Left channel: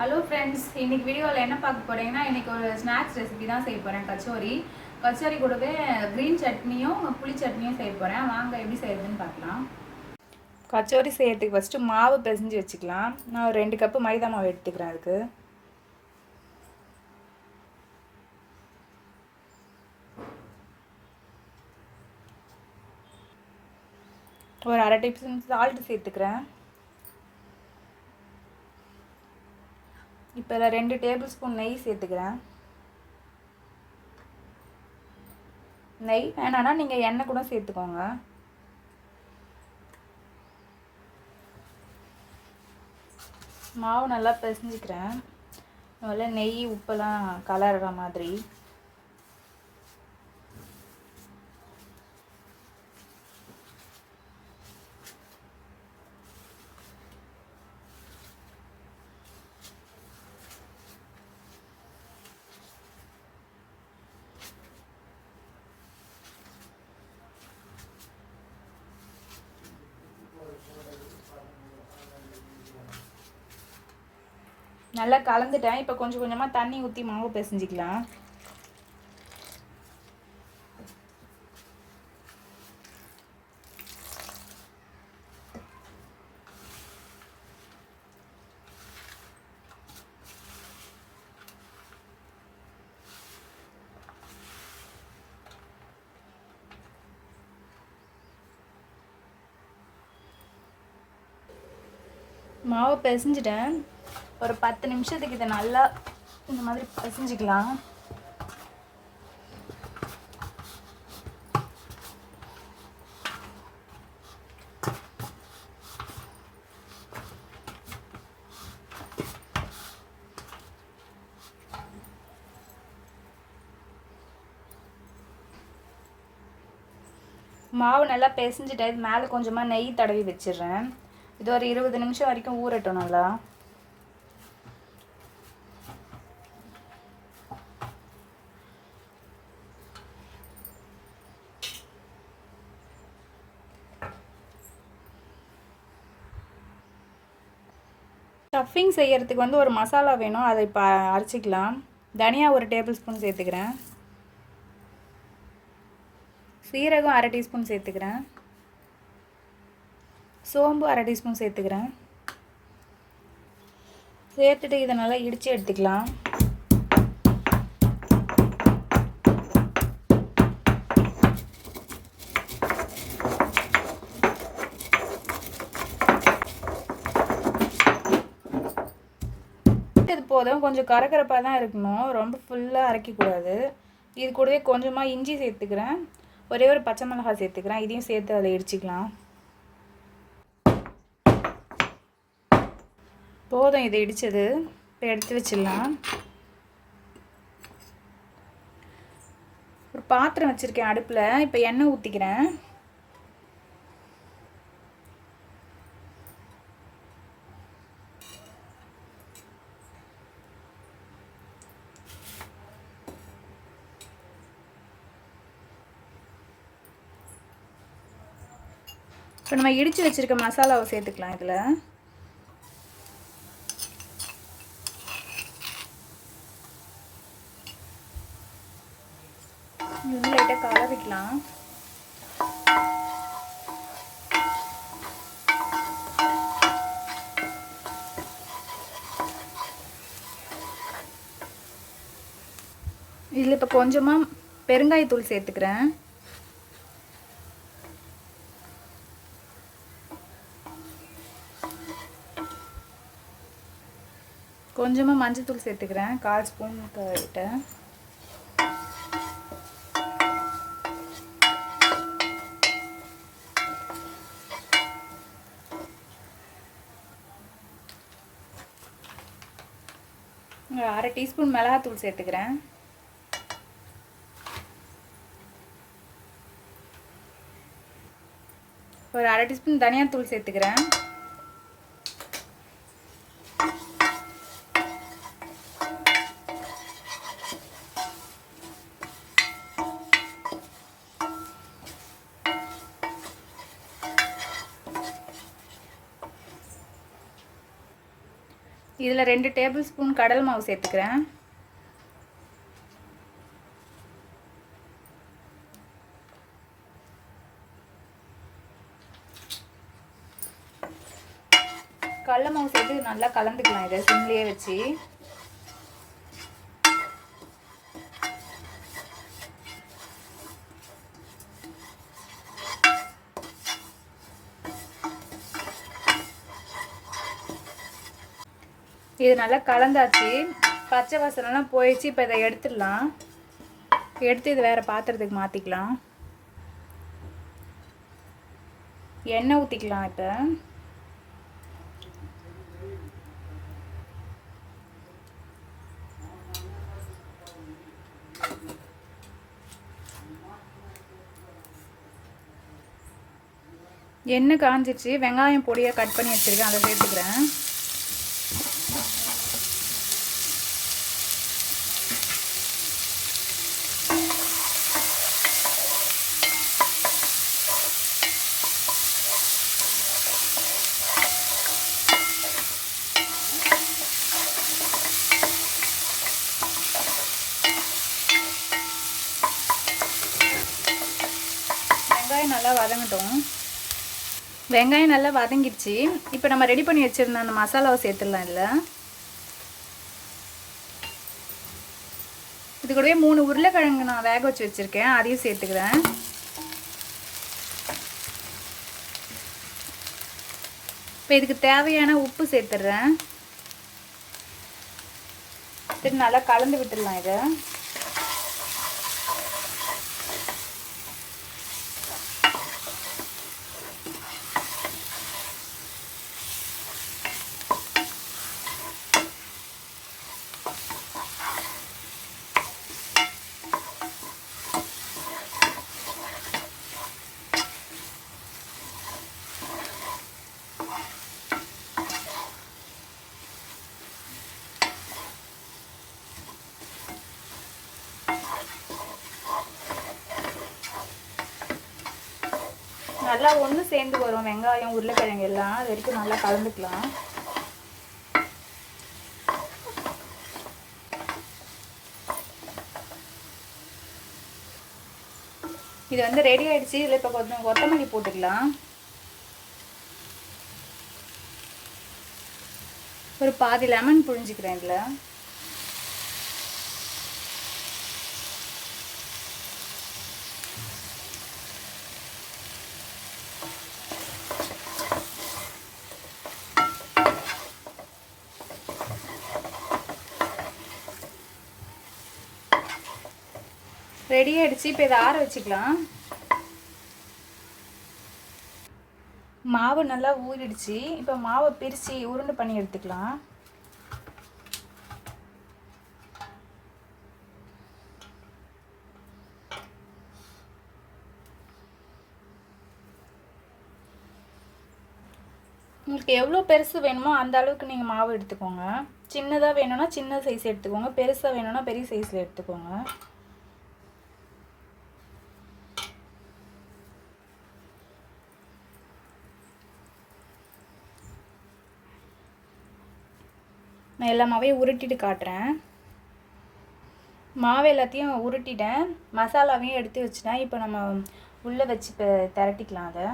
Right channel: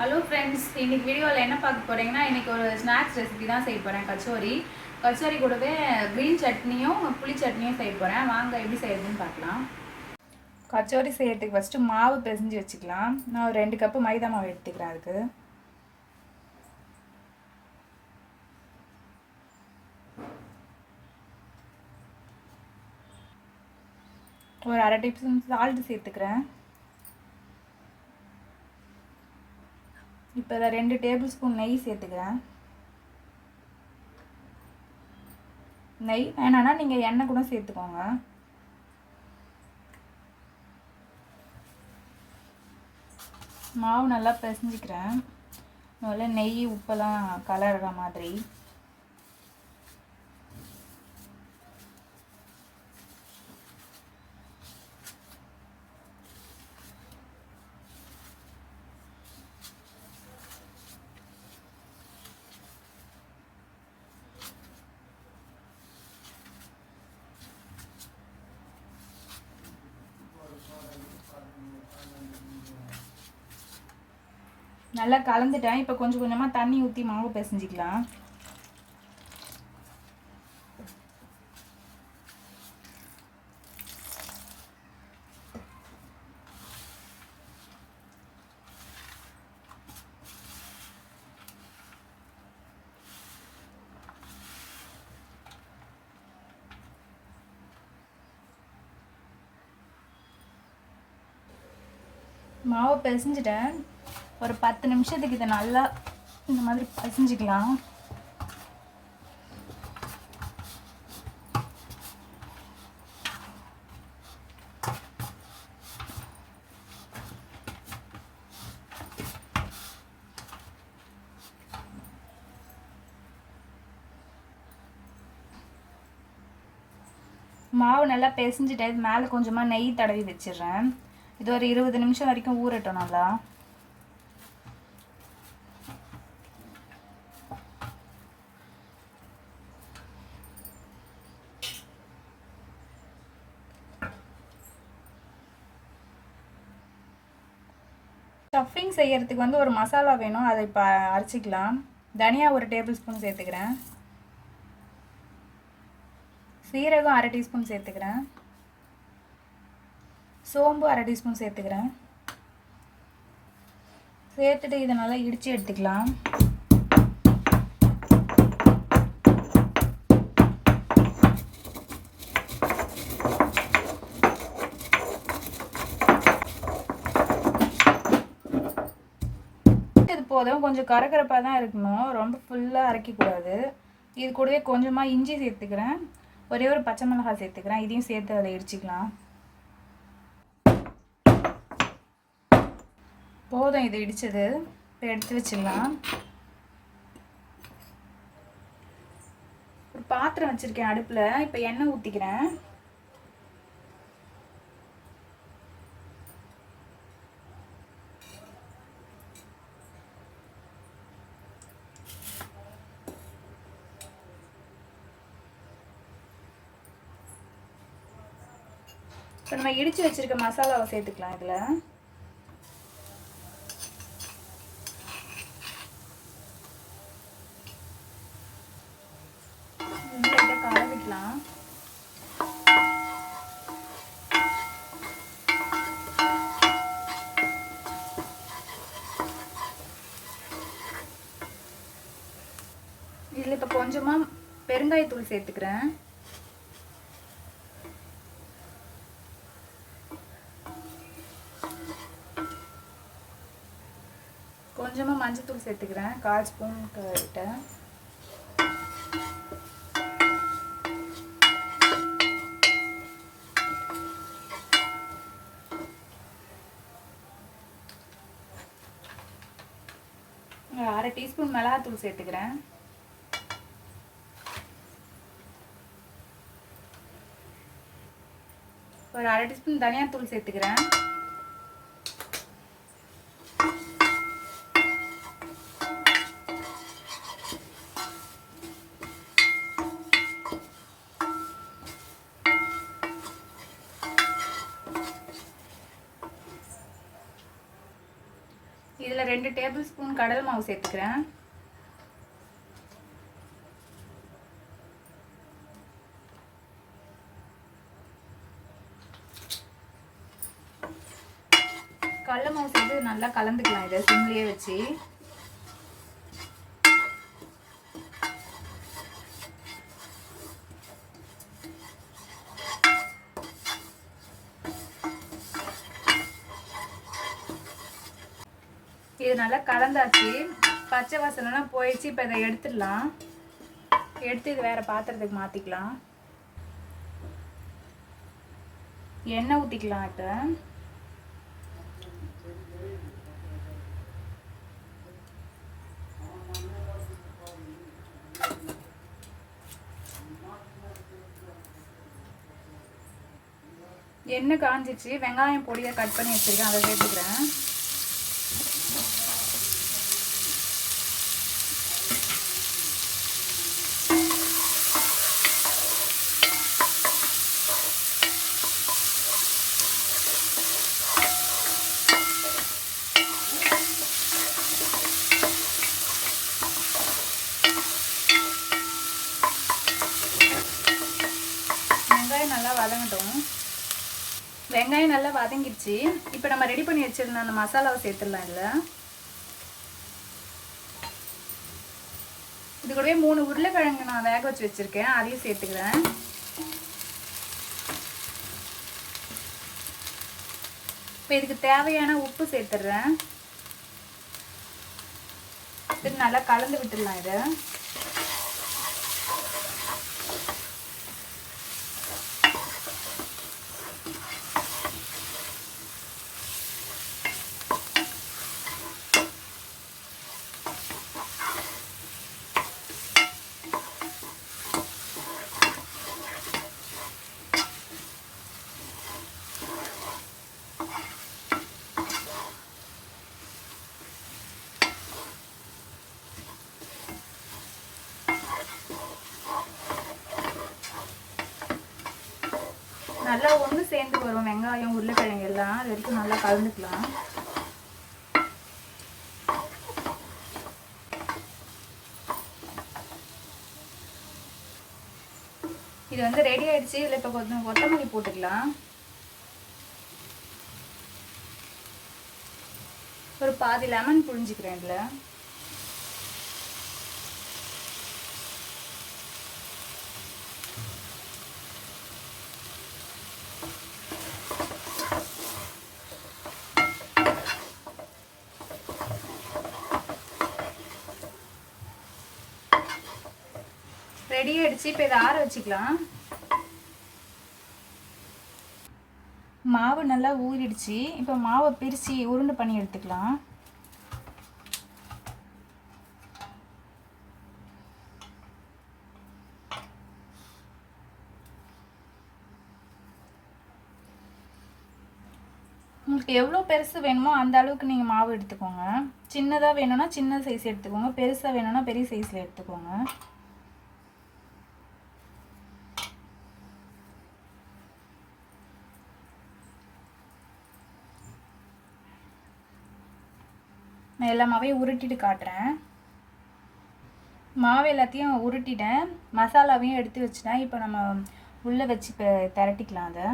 Hello friends, இன்னைக்கு வீடியோவில் என்ன பார்க்க போகிறீங்கன்னா, இன்னைக்கு ஒரு ஸ்நாக்ஸ் ரெசிபி தான் செய்ய போகிறேன். கச்சோரி கூடவே க்ரீன் சட்னியும் புளி சட்னியும் செய்ய போகிறேன். வாங்க எப்படி செய்யறதுன்னு பார்க்கலாம். கச்சோரி செய்யறதுக்கு ஃபஸ்ட்டு மாவு பிசைஞ்சு வச்சுக்கலாம். நான் ஒரு 2 கப்பு மைதா மாவு எடுத்துக்கிறேன். அதுக்கு ஒரு அரை டீஸ்பூன் சால்ட் சேர்த்துக்கிறேன். இப்போ இதில் 2 டேபிள் ஸ்பூன் நெய் சேர்த்துக்கிறேன். நெய் வேணான்னா நீங்கள் எண்ணெய் கூட சேர்த்துக்கோங்க. மாவு நல்லா பிசைஞ்சிக்கிறேன். முதல்ல நெய் உப்பெல்லாம் கலர்ற மாதிரி. நல்லா கலந்துட்டேன். இப்போ கொஞ்சம் கொஞ்சமாக தண்ணி ஊற்றி மாவு பிசைஞ்சிக்கலாம். மாவு பிசைஞ்சிட்டேன். ஒரு 10 நிமிஷத்துக்கு இதை நல்லா இந்த மாதிரி பிசைஞ்சிக்கலாம். மாவு நல்லா பிசைஞ்சிட்டேன். இது மேலே கொஞ்சமாக நெய் தடவி வச்சிடுறேன். இது ஒரு 20 நிமிஷம் வரைக்கும் ஊறட்டும் நல்லா. ஸ்டஃபிங் செய்யறதுக்கு வந்து ஒரு மசாலா வேணும். அதை இப்போ அரைச்சிக்கலாம். தனியா ஒரு டேபிள் ஸ்பூன் சேர்த்துக்கிறேன். சீரகம் அரை டீஸ்பூன் சேர்த்துக்கிறேன். சோம்பு அரை டீஸ்பூன் சேர்த்துக்கிறேன். சேர்த்துட்டு இதை நல்லா இடித்து எடுத்துக்கலாம். இது போதும். கொஞ்சம் கரகரப்பாக தான் இருக்கணும், ரொம்ப ஃபுல்லாக அரைக்கக்கூடாது. இது கூடவே கொஞ்சமாக இஞ்சி சேர்த்துக்கிறேன். ஒரே ஒரு பச்சை மிளகாய் சேர்த்துக்கிறேன். இதையும் சேர்த்து அதை இடிச்சிக்கலாம். போதும் இதை இடித்தது. இப்போ எடுத்து வச்சிடலாம். ஒரு பாத்திரம் வச்சுருக்கேன் அடுப்பில். இப்போ எண்ணெய் ஊற்றிக்கிறேன். இப்போ நம்ம இடித்து வச்சுருக்க மசாலாவை சேர்த்துக்கலாம். இதில் லைட்டாக கலவிக்கலாம். இதில் இப்போ கொஞ்சமாக பெருங்காயத்தூள் சேர்த்துக்கிறேன். கொஞ்சமாக மஞ்சத்தூள் சேர்த்துக்கிறேன். 1/4 ஸ்பூன் கிட்ட. அரை டீஸ்பூன் மிளகாத்தூள் சேர்த்துக்கிறேன். ஒரு அரை டீஸ்பூன் தனியாத்தூள் சேர்த்துக்கிறேன். இதில் 2 டேபிள் ஸ்பூன் கடலை மாவு சேர்த்துக்கிறேன். கடலை மாவு சேர்த்து நல்லா கலந்துக்கலாம். இதை சிம்லேயே வச்சு இது நல்லா கலந்தாச்சு. பச்சை வாசனைலாம் போயிடுச்சு. இப்போ இதை எடுத்துடலாம். எடுத்து இது வேறு பாத்திரத்துக்கு மாற்றிக்கலாம். எண்ணெய் ஊற்றிக்கலாம். இப்போ எண்ணெய் காஞ்சிச்சு. வெங்காயம் பொடியை கட் பண்ணி வச்சுருக்கேன், அதை சேர்த்துக்கிறேன். நல்லா வதங்கட்டும். வெங்காயம் நல்லா வதங்கிடுச்சு. இப்போ நம்ம ரெடி பண்ணி வச்சுருந்த அந்த மசாலாவை சேர்த்துடலாம். இல்லை இது கூடவே 3 உருளைக்கிழங்கு நான் வேக வச்சு வச்சுருக்கேன், அதையும் சேர்த்துக்கிறேன். இப்போ இதுக்கு தேவையான உப்பு சேர்த்துடுறேன். சரி, நல்லா கலந்து விட்டுடலாம். இதை நல்லா ஒன்று சேர்ந்து வரும். வெங்காயம் உருளைக்கிழங்கு எல்லாம் அது வரைக்கும் நல்லா கலந்துக்கலாம். இது வந்து ரெடி ஆயிடுச்சு. இதில் இப்போ கொஞ்சம் கொத்தமல்லி போட்டுக்கலாம். ஒரு பாதி லெமன் புழிஞ்சிக்கிறேன். இதில் ரெடி ஆயிடுச்சு. இப்போ இதை ஆற வச்சுக்கலாம். மாவு நல்லா ஊறிடுச்சு. இப்போ மாவை பிரித்து உருண்டை பண்ணி எடுத்துக்கலாம். உங்களுக்கு எவ்வளோ பெருசு வேணுமோ அந்த அளவுக்கு நீங்கள் மாவு எடுத்துக்கோங்க. சின்னதாக வேணும்னா சின்ன சைஸ் எடுத்துக்கோங்க, பெருசாக வேணும்னா பெரிய சைஸில் எடுத்துக்கோங்க. நான் எல்லா மாவையும் உருட்டிட்டு காட்டுறேன். மாவு எல்லாத்தையும் உருட்டிட்டேன், மசாலாவையும் எடுத்து வச்சுட்டேன். இப்போ நம்ம உள்ளே வச்சு இப்போ திரட்டிக்கலாம். அதை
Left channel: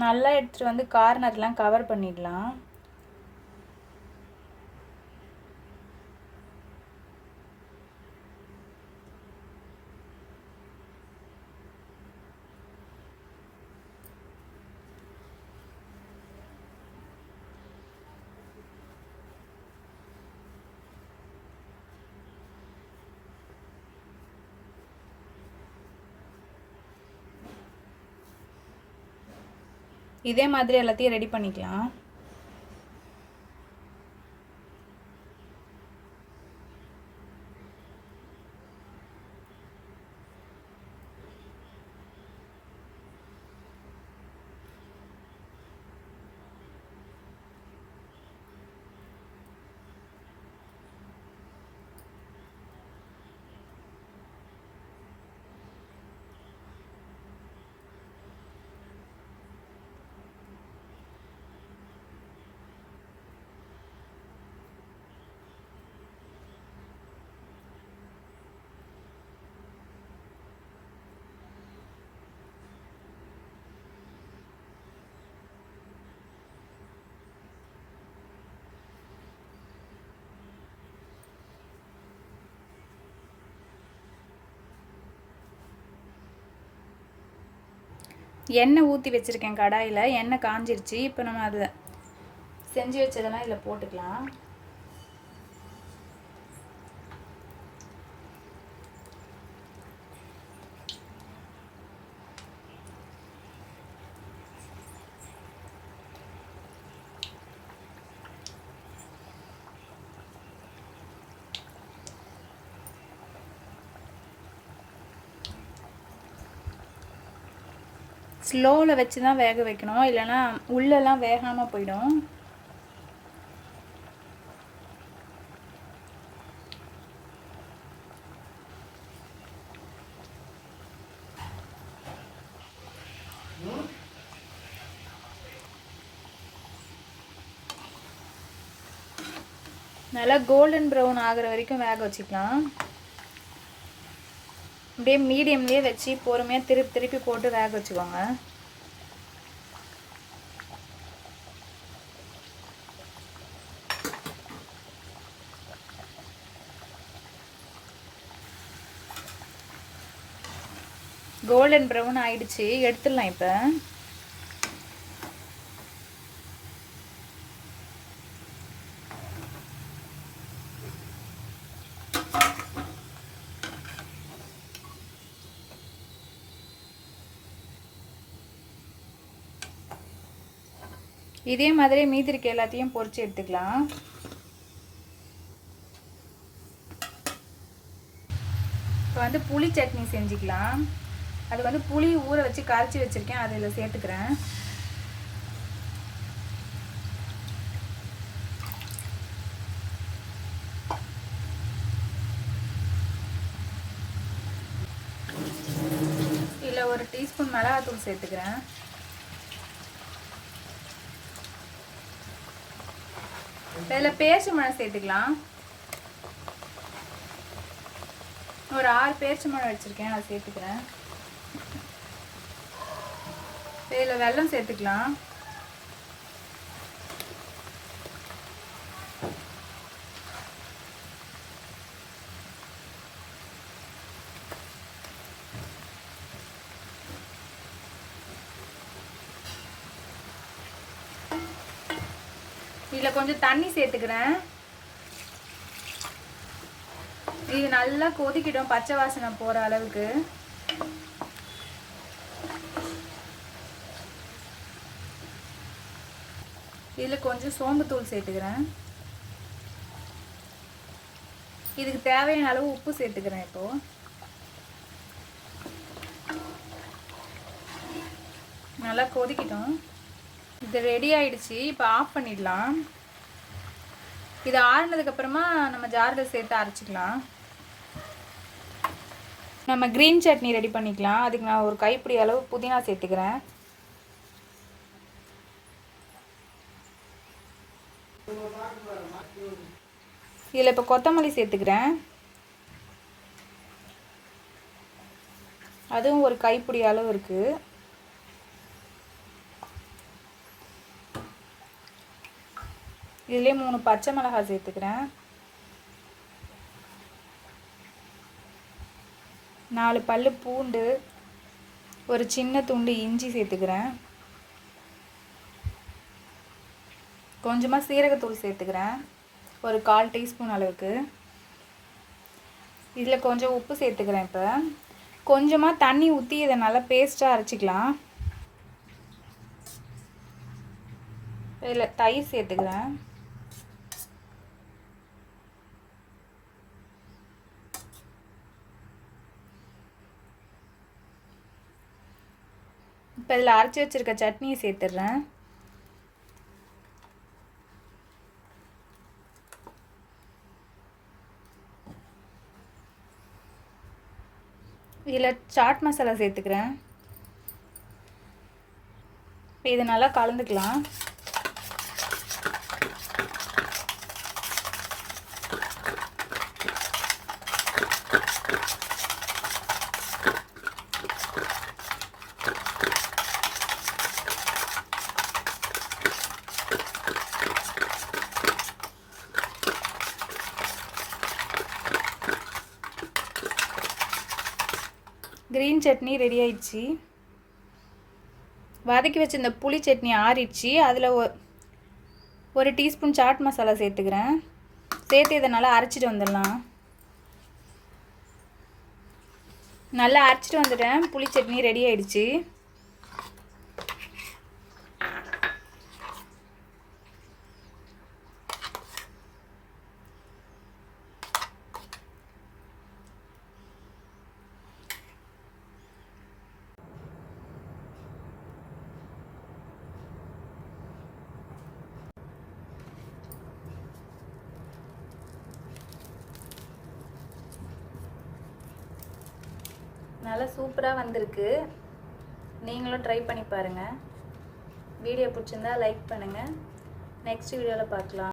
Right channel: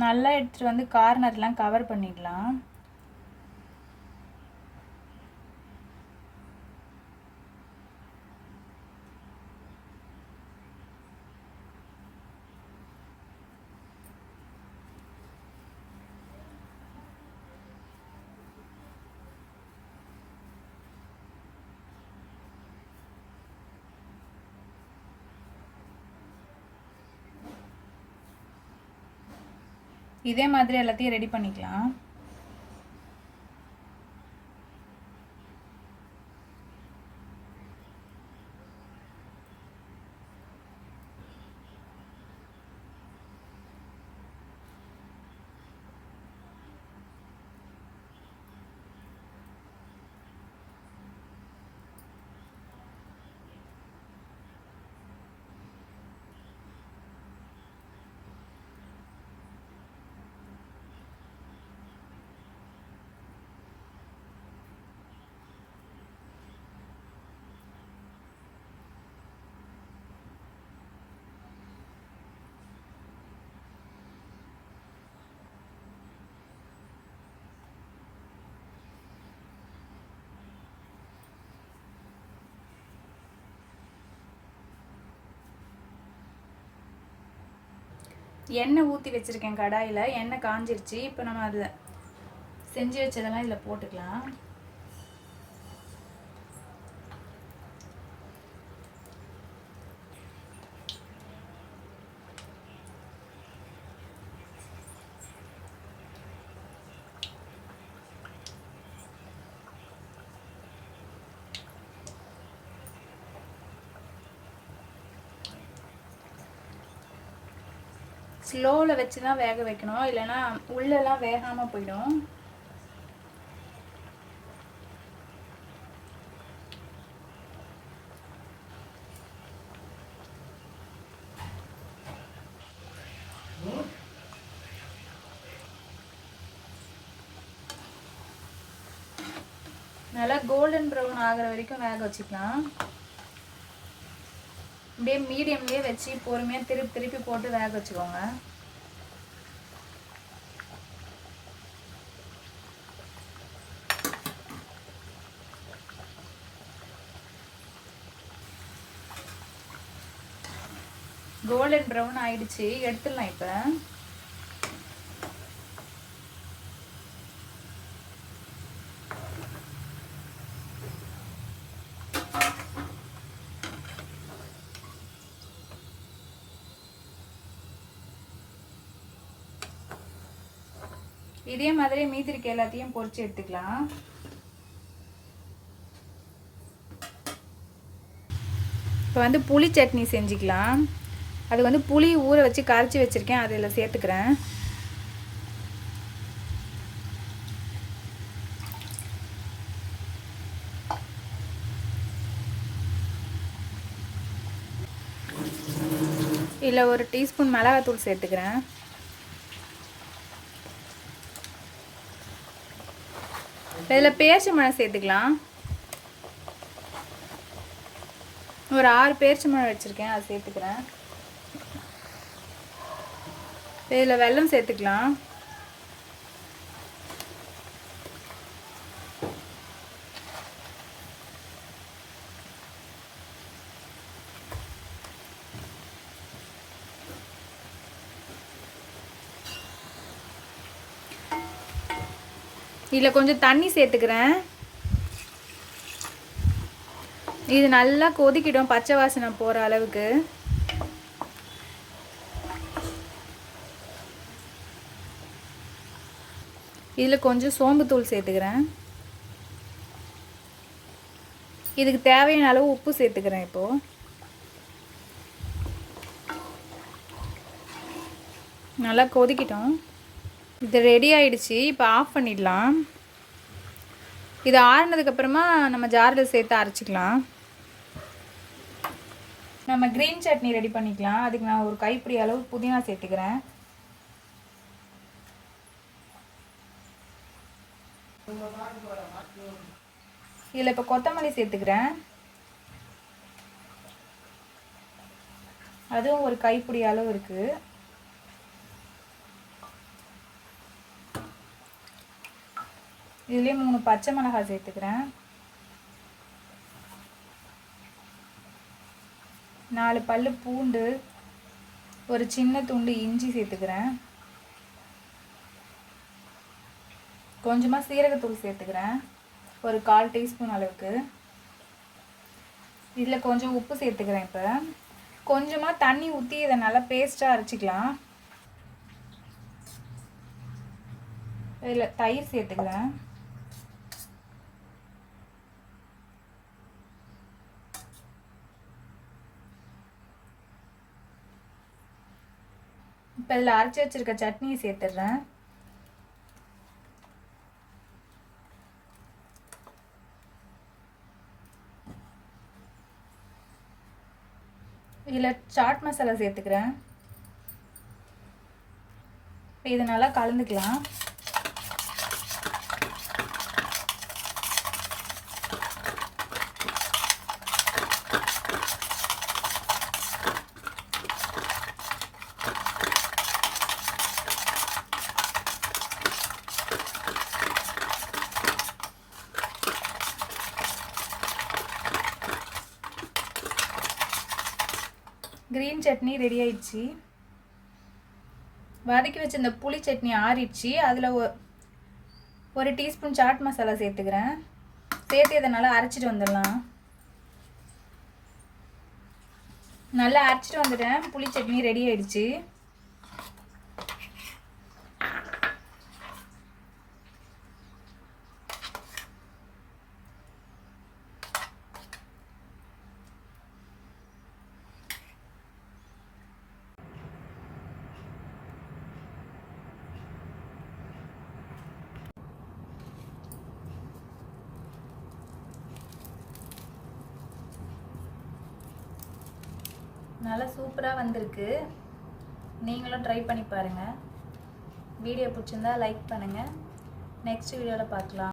நல்லா எடுத்துகிட்டு வந்து கார்னர்லாம் கவர் பண்ணிடலாம். இதே மாதிரி எல்லாத்தையும் ரெடி பண்ணிக்கலாம். எண்ணெய் ஊற்றி வச்சுருக்கேன் கடாயில். எண்ணெய் காஞ்சிருச்சு. இப்போ நம்ம அதை செஞ்சு வச்சதெல்லாம் இதில் போட்டுக்கலாம். ஸ்லோவில் வச்சு தான் வேக வைக்கணும், இல்லைன்னா உள்ளெல்லாம் வேகாமல் போயிடும். நல்லா கோல்டன் ப்ரௌன் ஆகிற வரைக்கும் வேக வச்சுக்கலாம். அப்படியே மீடியம்லேயே வச்சு பொறுமையாக திருப்பி போட்டு வேக வச்சுக்கோங்க. கோல்டன் ப்ரௌன் ஆயிடுச்சு, எடுத்துடலாம் இப்போ. இதே மாதிரி மீதி இருக்க எல்லாத்தையும் பொரிச்சு எடுத்துக்கலாம். இப்போ வந்து புளி சட்னி செஞ்சுக்கலாம். அது வந்து புளி ஊற வச்சு கரைச்சி வச்சுருக்கேன், அதில் சேர்த்துக்கிறேன். இதில் ஒரு டீஸ்பூன் மிளகாத்தூள் சேர்த்துக்கிறேன். இதில் பேரிச்சம்பழம் சேர்த்துக்கலாம். ஒரு 6 பேரிச்சம்பழம் வச்சுருக்கேன், அதை சேர்த்துக்கிறேன். இதில் வெல்லம் சேர்த்துக்கலாம். இதில் கொஞ்சம் தண்ணி சேர்த்துக்கிறேன். இது நல்லா கொதிக்கிடும், பச்சை வாசனை போகிற அளவுக்கு. இதில் கொஞ்சம் சோம்புத்தூள் சேர்த்துக்கிறேன். இதுக்கு தேவையான அளவு உப்பு சேர்த்துக்கிறேன். இப்போது நல்லா கொதிக்கிட்டோம். இது ரெடி ஆயிடுச்சு. இப்போ ஆஃப் பண்ணிடலாம். இது ஆறுனதுக்கப்புறமா நம்ம ஜாரில் சேர்த்து அரைச்சிக்கலாம். நம்ம க்ரீன் சட்னி ரெடி பண்ணிக்கலாம். அதுக்கு நான் ஒரு கைப்பிடி அளவு புதினா சேர்த்துக்கிறேன். இதில் இப்போ கொத்தமல்லி சேர்த்துக்கிறேன். அதுவும் ஒரு கைப்பிடி அளவு இருக்குது. இதிலே 3 பச்சை மிளகாய் சேர்த்துக்கிறேன். 4 பல்லு பூண்டு, ஒரு சின்ன துண்டு இஞ்சி சேர்த்துக்கிறேன். கொஞ்சமாக சீரகத்தூள் சேர்த்துக்கிறேன், ஒரு 1/4 டீஸ்பூன் அளவுக்கு. இதில் கொஞ்சம் உப்பு சேர்த்துக்கிறேன். இப்போ கொஞ்சமாக தண்ணி ஊற்றி இதை நல்லா பேஸ்ட்டாக அரைச்சிக்கலாம். இதில் தயிர் சேர்த்துக்கிறேன். இப்போ இதில் அரைச்சி வச்சிருக்க சட்னியை சேர்த்துடுறேன். இதில் சாட் மசாலா சேர்த்துக்கிறேன். இது நல்லா கலந்துக்கலாம். கிரீன் சட்னி ரெடி ஆயிடுச்சு. வதக்கி வச்சு இந்த புளி சட்னி ஆறிடுச்சு. அதில் ஒரு டீஸ்பூன் சாட் மசாலா சேர்த்துக்கிறேன். சேர்த்து இதை நல்லா அரைச்சிட்டு வந்துடலாம். நல்லா அரைச்சிட்டு வந்துட்டேன். புளி சட்னி ரெடி ஆயிடுச்சு. நல்லா சூப்பராக வந்திருக்கு. நீங்களும் ட்ரை பண்ணி பாருங்கள். வீடியோ பிடிச்சிருந்தா லைக் பண்ணுங்கள். நெக்ஸ்ட் வீடியோவில் பார்க்கலாம்.